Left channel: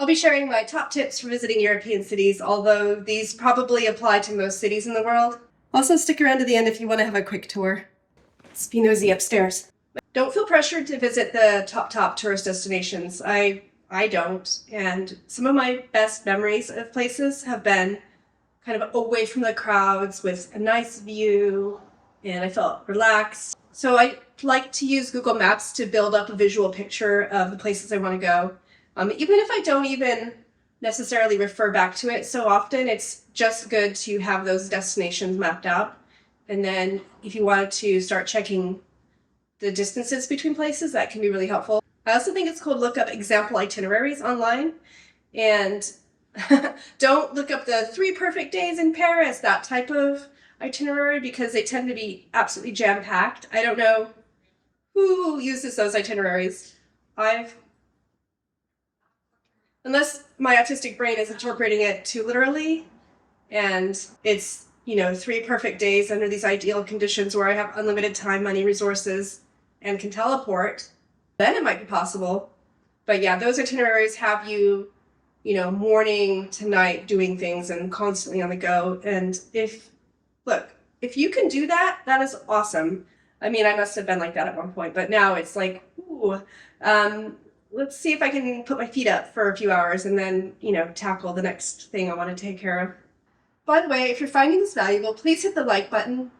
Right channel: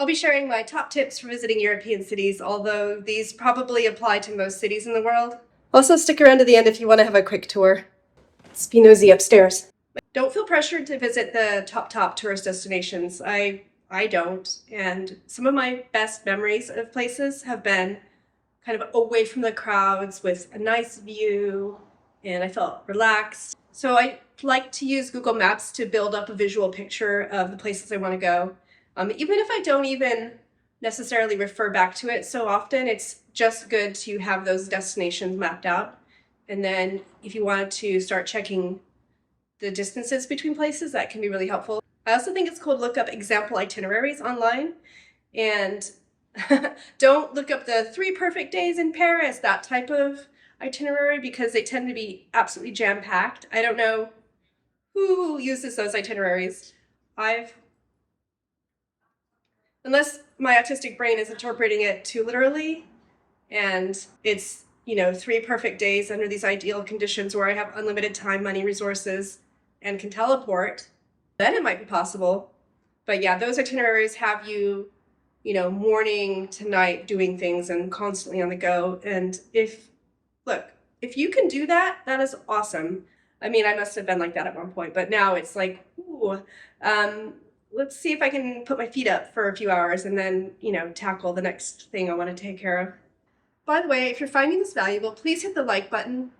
I'll be sharing my top tips for visiting European cities, although these probably apply to most cities in the world. Also, stick around to the end if you want to have a quick tour. Let's be nosy upstairs. Don't feel pressured to visit the top tourist destinations. I don't, and some of my best memories of places have been kind of away from the crowds with a nice view, and I felt relaxed. So I like to use Google Maps to build up a visual picture of the places I want to go. Even if I don't even necessarily refer back to it so often, it's just good to have those destinations mapped out. And then if you wanted to start checking the distances between places, that can be really helpful. I also think it's cool to look up example itineraries online, and don't look up the 3 perfect days in Paris, that type of itinerary, because they tend to be absolutely jam-packed. I don't know who uses those itineraries. Unless my autistic brain is interpreting it too literally, and it's, 3 perfect days under these ideal conditions where I have unlimited time, money, resources, and can teleport, then it might be possible. But yeah, those itineraries have you, morning to night doing things and constantly on the go. And if you can do that, that is awesome. I mean, I must have been like that at one point, but now it's like, ooh, let's see if I can put my feet up for a few hours and then, tackle the next thing I want to take care of. By the way, if you're finding this valuable, please hit the like button.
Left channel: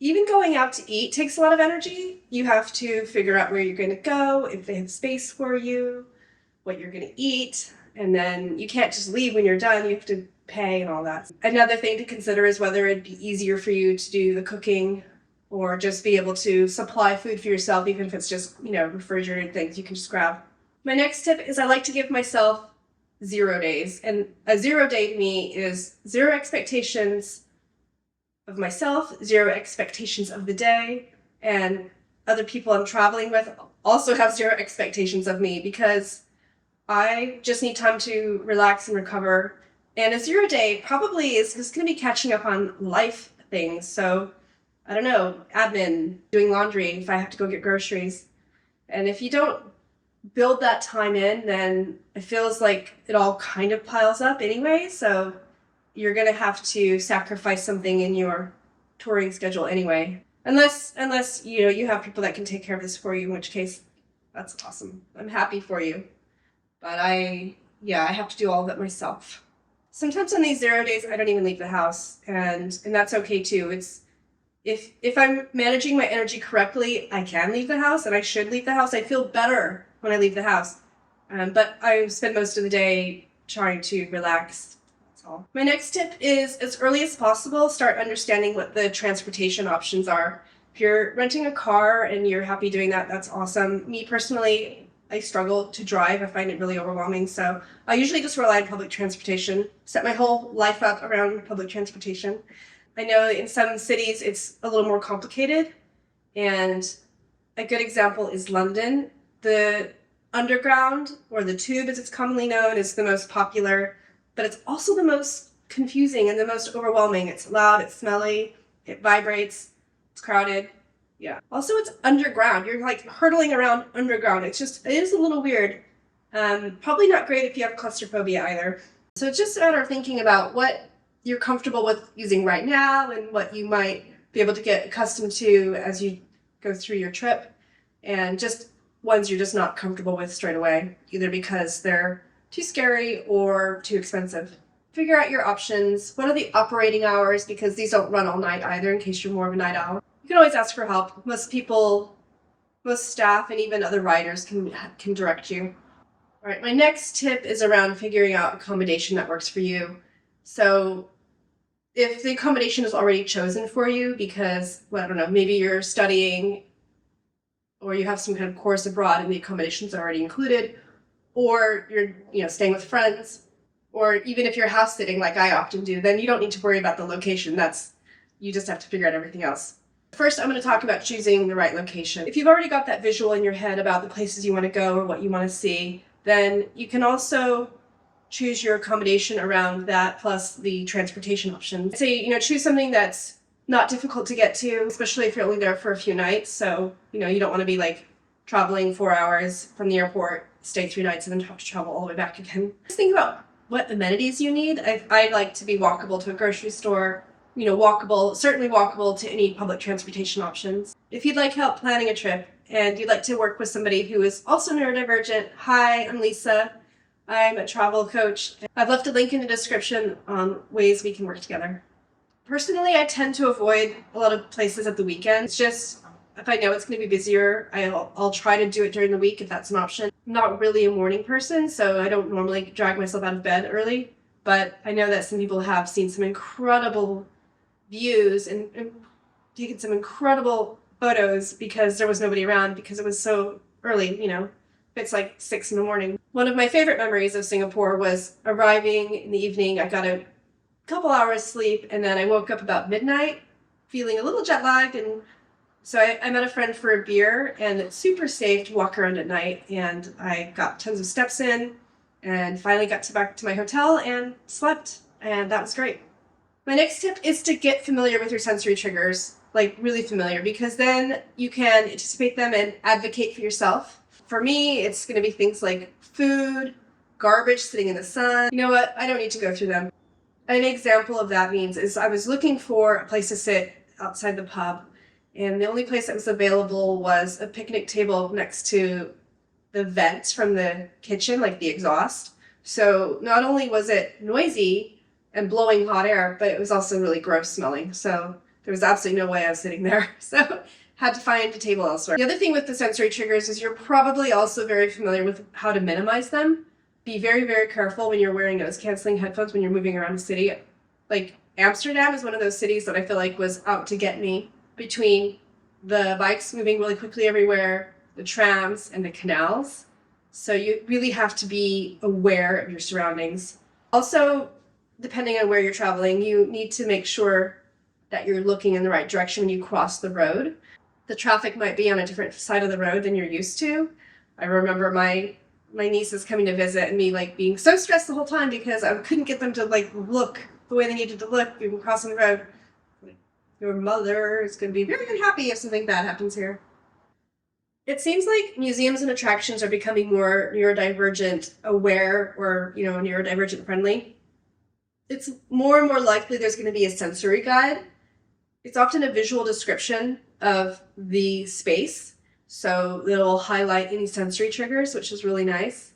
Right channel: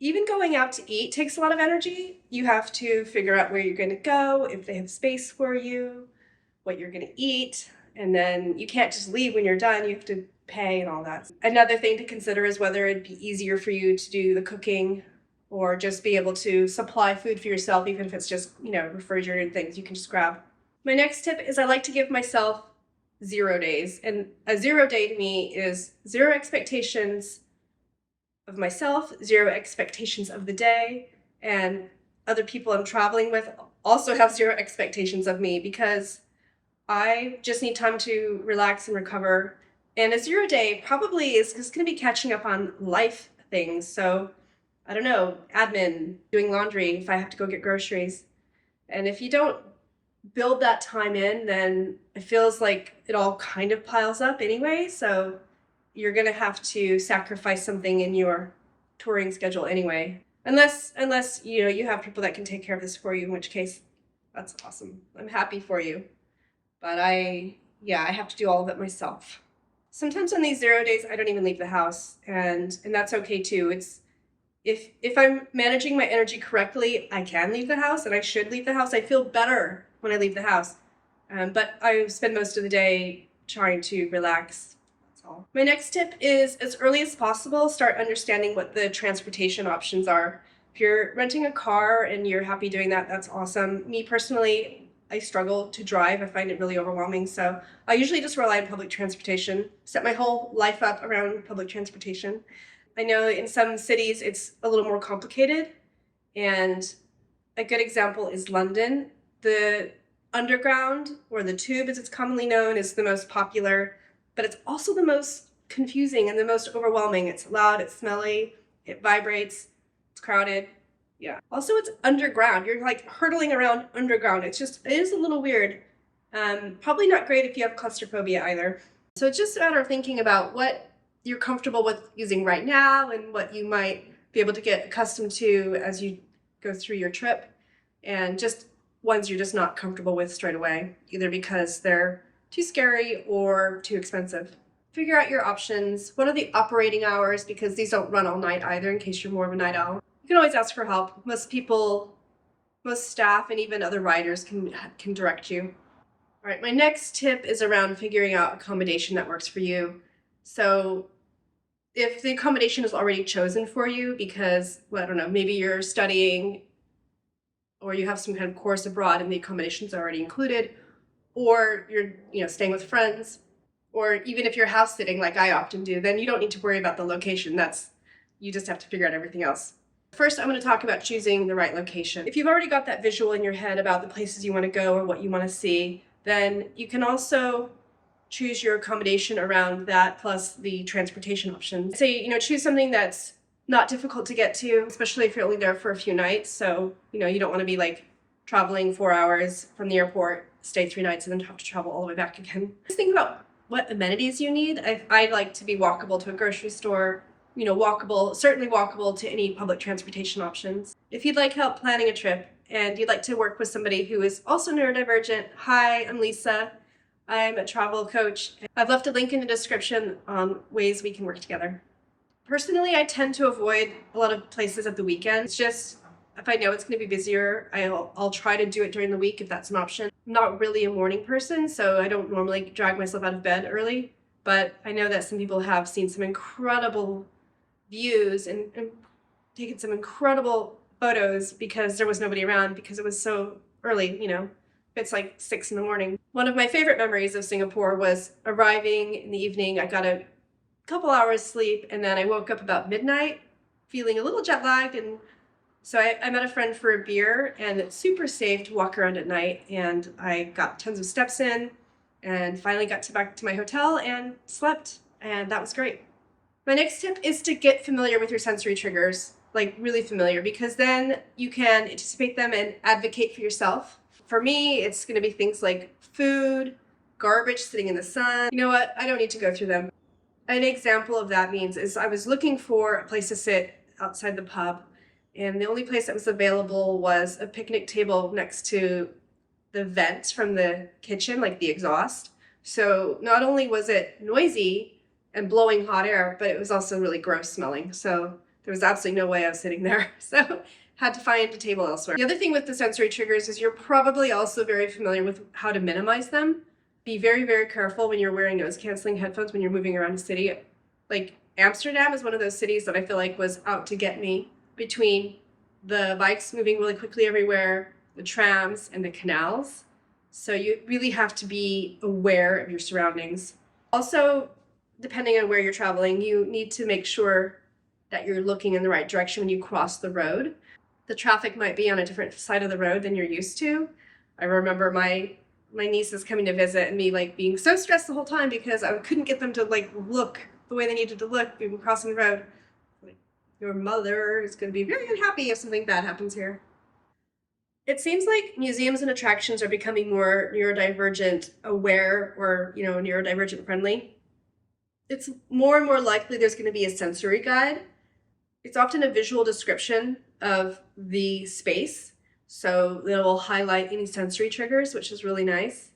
Even going out to eat takes a lot of energy. You have to figure out where you're going to go, if they have space for you, what you're going to eat, and then you can't just leave when you're done. You have to pay and all that. Another thing to consider is whether it'd be easier for you to do the cooking or just be able to supply food for yourself, even if it's just, refrigerated things you can just grab. My next tip is I like to give myself 0 days. And a 0 day to me is 0 expectations of myself, 0 expectations of the day, and other people I'm traveling with also have 0 expectations of me, because I just need time to relax and recover. And a 0 day probably is just going to be catching up on life things. So I don't know, admin, doing laundry, if I have to go get groceries. And if you don't build that time in, then it feels like it all kind of piles up anyway. So you're going to have to sacrifice something in your touring schedule anyway. Unless you have people that can take care of this for you, in which case that's awesome. I'm happy for you. But I have to do all of it myself. Sometimes on these 0 days, I don't even leave the house, and that's okay too. It's if I'm managing my energy correctly, I can leave the house, and I should leave the house. I feel better when I leave the house. But I spend most of the day trying to relax. That's all. My next tip is, as early as possible, start understanding what the transportation options are. If you're renting a car and you're happy doing that, that's awesome. Me personally, I struggle to drive. I find it really overwhelming. So I usually just rely on public transportation, set my whole life up around public transportation. I know in some cities it's a little more complicated, and a good example is London. The underground, or the tube as it's commonly known, is the most popular, but it's also the most confusing and the most overwhelming. It's loud, it's smelly, it vibrates, it's crowded. Yeah. Also, it's underground. You're hurtling around underground. It is a little weird. Probably not great if you have claustrophobia either. So it's just a matter of thinking about what you're comfortable with using right now and what you might be able to get accustomed to as you go through your trip, and just ones you're just not comfortable with straight away, either because they're too scary or too expensive. Figure out your options. What are the operating hours? Because these don't run all night either, in case you're more of a night owl. You can always ask for help. Most staff and even other riders can direct you. All right, my next tip is around figuring out accommodation that works for you. So if the accommodation is already chosen for you because, maybe you're studying or you have some kind of course abroad and the accommodation's already included, or you're staying with friends, or even if you're house sitting like I often do, then you don't need to worry about the location. You just have to figure out everything else. First, I'm going to talk about choosing the right location. If you've already got that visual in your head about the places you want to go or what you want to see, then you can also choose your accommodation around that, plus the transportation options. Say, choose something that's not difficult to get to, especially if you're only there for a few nights. So, you don't want to be traveling 4 hours from the airport stay 3 nights and then have to travel all the way back again. Just think about what amenities you need. I like to be walkable to a grocery store, certainly walkable to any public transportation options. If you'd like help planning a trip and you'd like to work with somebody who is also neurodivergent, hi, I'm Lisa. I'm a travel coach. I've left a link in the description on ways we can work together. Personally, I tend to avoid a lot of places at the weekend. It's just, if I know it's going to be busier, I'll try to do it during the week if that's an option. I'm not really a morning person, so I don't normally drag myself out of bed early, but I know that some people have seen some incredible views and taken some incredible photos because there was nobody around because it was so early, it's like 6 a.m. One of my favorite memories of Singapore was arriving in the evening. I got a couple hours sleep and then I woke up about midnight feeling a little jet lagged, and so I met a friend for a beer, and it's super safe to walk around at night, and I got tons of steps in and finally got back to my hotel and slept, and that was great. My next tip is to get familiar with your sensory triggers, like really familiar, because then you can anticipate them and advocate for yourself. For me, it's going to be things like food, garbage sitting in the sun. You know what? I don't need to go through them. An example of that is I was looking for a place to sit outside the pub, and the only place that was available was a picnic table next to the vent from the kitchen, like the exhaust. So not only was it noisy and blowing hot air, but it was also really gross smelling. So there was absolutely no way I was sitting there. So had to find a table elsewhere. The other thing with the sensory triggers is you're probably also very familiar with how to minimize them. Be very, very careful when you're wearing noise-canceling headphones when you're moving around the city. Like Amsterdam is one of those cities that I feel like was out to get me, between the bikes moving really quickly everywhere, the trams, and the canals. So you really have to be aware of your surroundings. Also, depending on where you're traveling, you need to make sure that you're looking in the right direction when you cross the road. The traffic might be on a different side of the road than you're used to. I remember my nieces coming to visit and me being so stressed the whole time because I couldn't get them to look the way they needed to look even crossing the road. Your mother is going to be very unhappy if something bad happens here. It seems like museums and attractions are becoming more neurodivergent aware or, neurodivergent friendly. It's more and more likely there's going to be a sensory guide. It's often a visual description of the space, so it'll highlight any sensory triggers, which is really nice.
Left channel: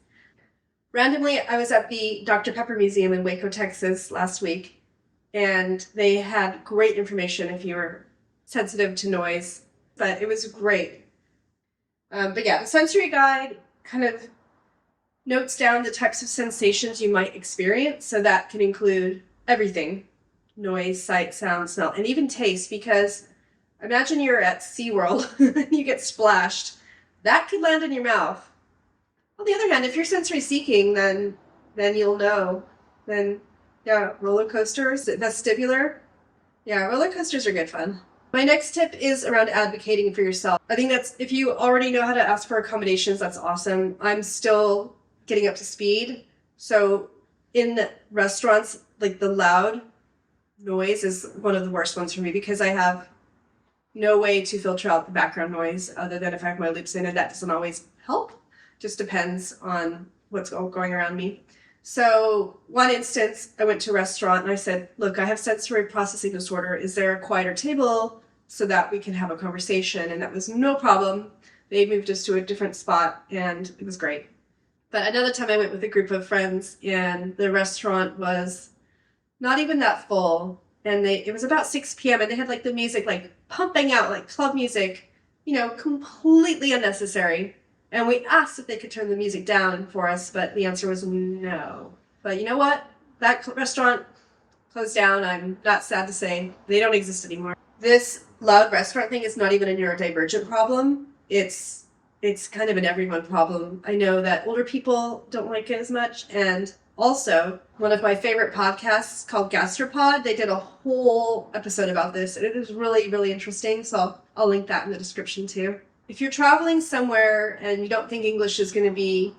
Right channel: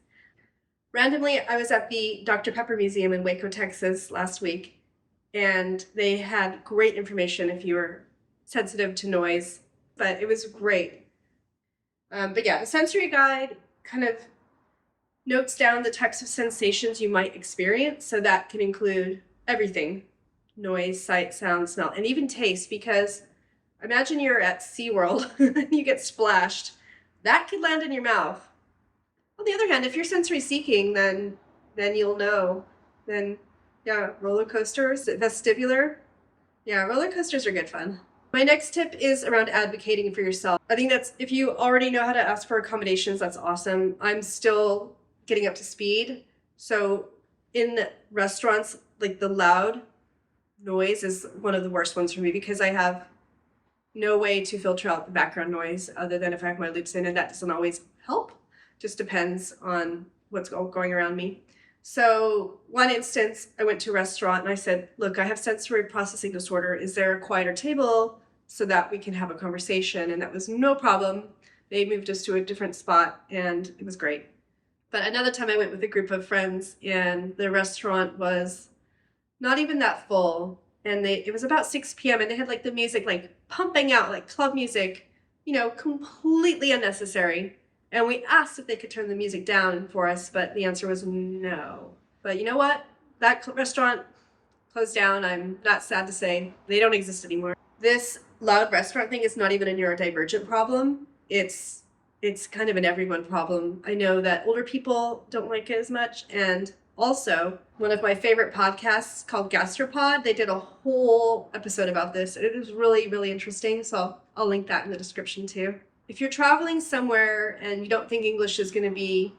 Randomly, I was at the Dr. Pepper Museum in Waco, Texas last week, and they had great information if you were sensitive to noise, but it was great. But yeah, the sensory guide kind of notes down the types of sensations you might experience, so that can include everything: noise, sight, sound, smell, and even taste, because imagine you're at SeaWorld and you get splashed. That could land in your mouth. On the other hand, if you're sensory seeking, then you'll know. Then, yeah, roller coasters, vestibular. Yeah, roller coasters are good fun. My next tip is around advocating for yourself. I think that's, if you already know how to ask for accommodations, that's awesome. I'm still getting up to speed. So in restaurants, the loud noise is one of the worst ones for me because I have no way to filter out the background noise other than if I have my loops in, and that doesn't always help. Just depends on what's going around me. So one instance, I went to a restaurant and I said, look, I have sensory processing disorder. Is there a quieter table so that we can have a conversation? And that was no problem. They moved us to a different spot and it was great. But another time I went with a group of friends and the restaurant was not even that full. And it was about 6 p.m. and they had the music pumping out, club music, completely unnecessary. And we asked if they could turn the music down for us, but the answer was no. But you know what? That restaurant closed down. I'm not sad to say they don't exist anymore. This loud restaurant thing is not even a neurodivergent problem. It's kind of an everyone problem. I know that older people don't like it as much, and also, one of my favorite podcasts called Gastropod, they did a whole episode about this, and it is really, really interesting, so I'll link that in the description too. If you're traveling somewhere and you don't think English is going to be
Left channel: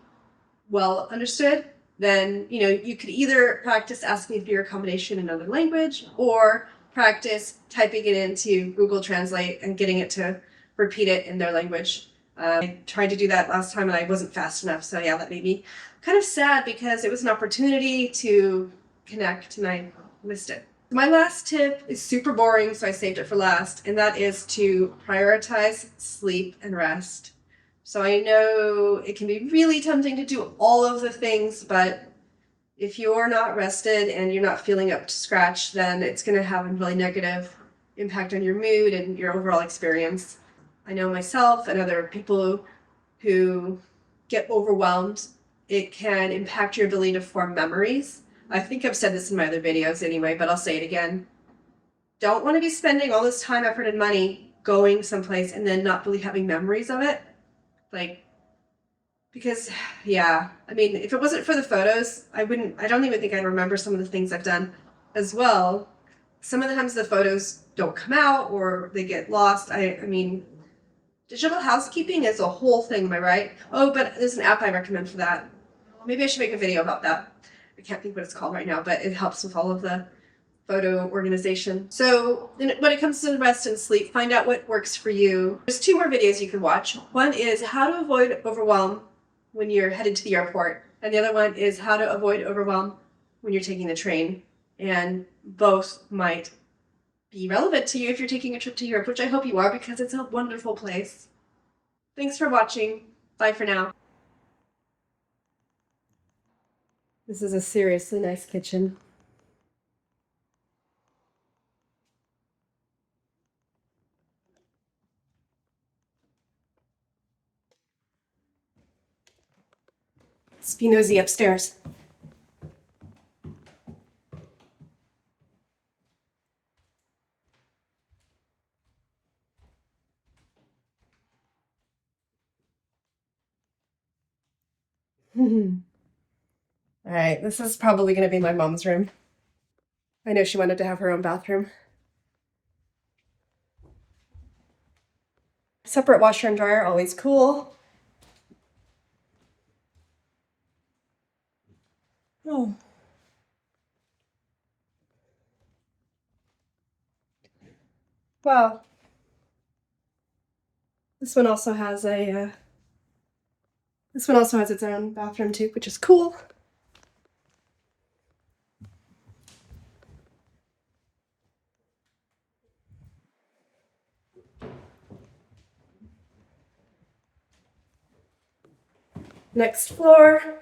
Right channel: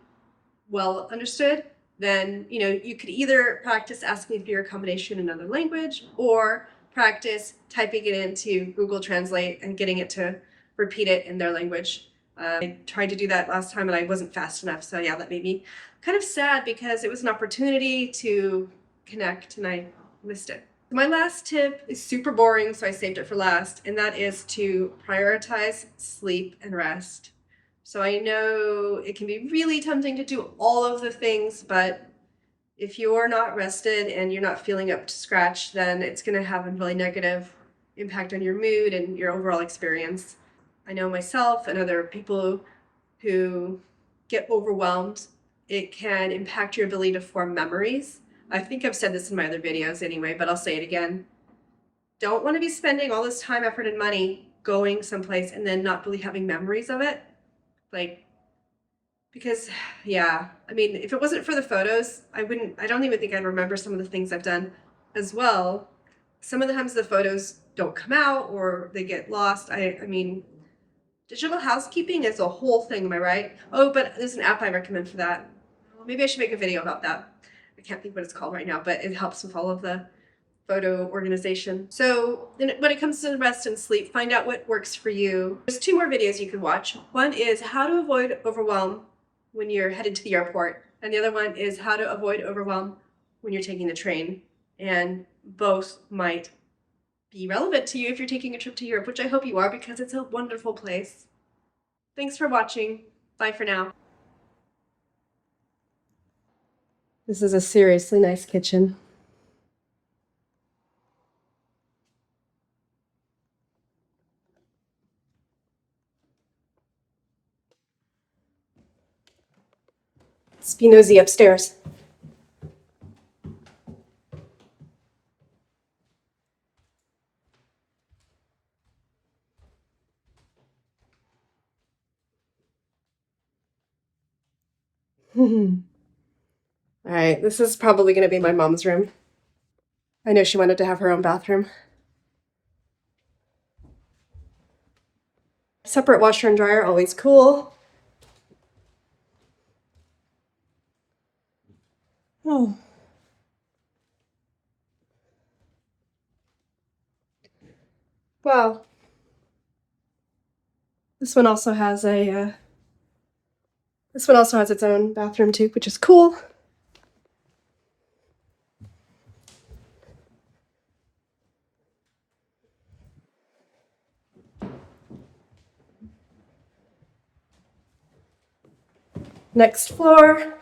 well understood, then, you could either practice asking for your accommodation in another language or practice typing it into Google Translate and getting it to repeat it in their language. I tried to do that last time and I wasn't fast enough. So yeah, that made me kind of sad because it was an opportunity to connect and I missed it. My last tip is super boring, so I saved it for last, and that is to prioritize sleep and rest. So I know it can be really tempting to do all of the things, but if you're not rested and you're not feeling up to scratch, then it's going to have a really negative impact on your mood and your overall experience. I know myself and other people who get overwhelmed, it can impact your ability to form memories. I think I've said this in my other videos anyway, but I'll say it again. Don't want to be spending all this time, effort, and money going someplace and then not really having memories of it. Because yeah, I mean, if it wasn't for the photos, I don't even think I'd remember some of the things I've done as well. Some of the times the photos don't come out or they get lost. I mean, digital housekeeping is a whole thing, am I right? Oh, but there's an app I recommend for that. Maybe I should make a video about that. I can't think what it's called right now, but it helps with all of the photo organization. So when it comes to rest and sleep, find out what works for you. There's 2 more videos you can watch. One is how to avoid overwhelm when you're headed to the airport. And the other one is how to avoid overwhelm when you're taking the train. And both might be relevant to you if you're taking a trip to Europe, which I hope you are because it's a wonderful place. Thanks for watching. Bye for now. This is a seriously nice kitchen. Let's be nosy upstairs. All right, this is probably going to be my mom's room. I know she wanted to have her own bathroom. Separate washer and dryer, always cool. Oh. Wow. This one also has its own bathroom too, which is cool. Next floor.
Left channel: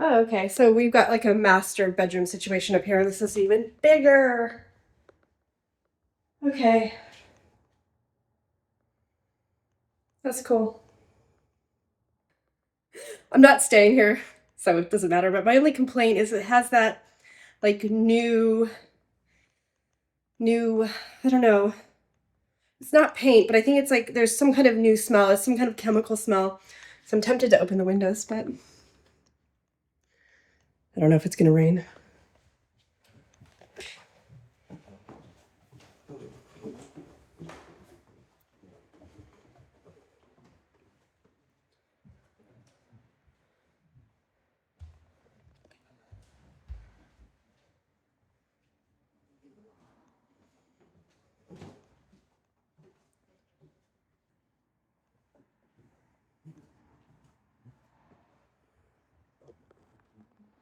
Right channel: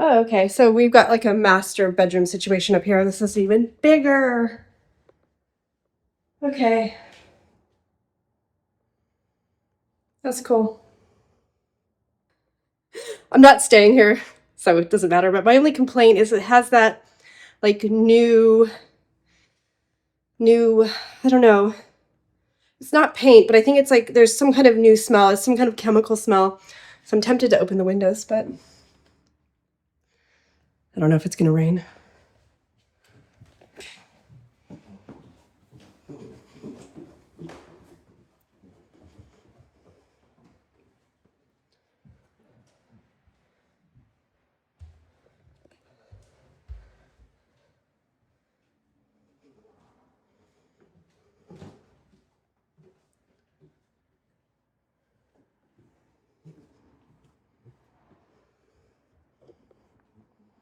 Oh, okay. So we've got like a master bedroom situation up here. This is even bigger. Okay. That's cool. I'm not staying here, so it doesn't matter. But my only complaint is it has that like new, I don't know. It's not paint, but I think it's like there's some kind of new smell. It's some kind of chemical smell. So I'm tempted to open the windows, but I don't know if it's going to rain.